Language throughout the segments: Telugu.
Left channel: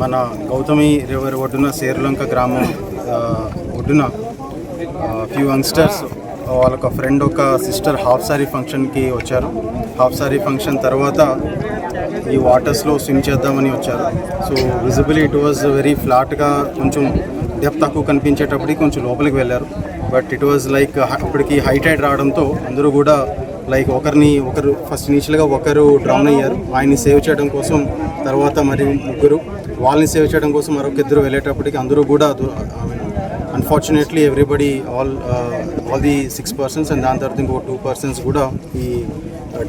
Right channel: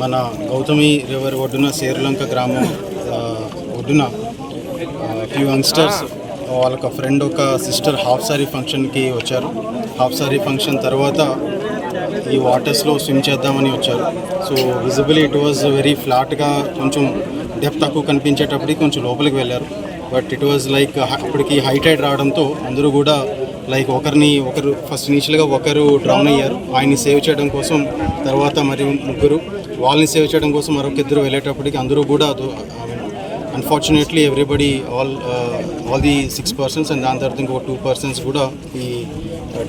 మన గౌతమి రివర్ ఒడ్డున శేర్లంక గ్రామం ఒడ్డున ఫ్యూ యంగ్స్టర్స్ వాళ్ళొక ఫ్రెండ్ ఒక సిస్టర్ హాఫ్ సారీ ఫంక్షన్కి వచ్చారు. హాఫ్ సారీ ఫంక్షన్ తర్వాత ఈ వాటర్స్లో స్విమ్ చేద్దామని వచ్చారు. So visibly it was very ఫ్లాట్గా, కొంచెం డెప్త్ తక్కువ కనిపించేటప్పటికి కొంచెం లోపలికి వెళ్ళారు. బట్ ఇట్ వాజ్ లైక్ అప్పటికి హై టైడ్ రావడంతో అందరూ కూడా లైక్ ఒకరు ఫస్ట్ ఇనిషియల్గా ఒకరు డ్రౌన్ అయ్యారు. ఆయన్ని సేవ్ చేయడం కోసం తర్వాత మరి ముగ్గురు, వాళ్ళని సేవ్ చేయడం కోసం మరొక ఇద్దరు వెళ్ళేటప్పటికి అందరూ కూడా unfortunately everybody all the 6 persons and దాని తర్వాత ఇంకో 2 persons కూడా ఈ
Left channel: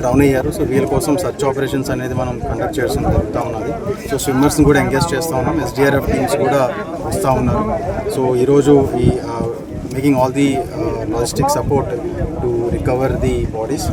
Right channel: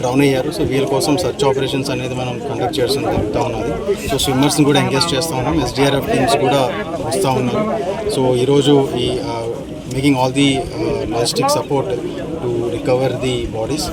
డ్రౌన్ అయ్యారు. సో వీళ్ళ కోసం సర్చ్ ఆపరేషన్స్ అనేది మనం కండక్ట్ చేయడం జరుగుతూ ఉన్నది. సో స్విమ్మర్స్ని కూడా ఎంగేజ్ చేస్తూ ఉన్నాం. SDRF టీమ్స్ కూడా వస్తూ ఉన్నారు. సో ఈరోజు ఈ making all the logistic support to recover the bodies.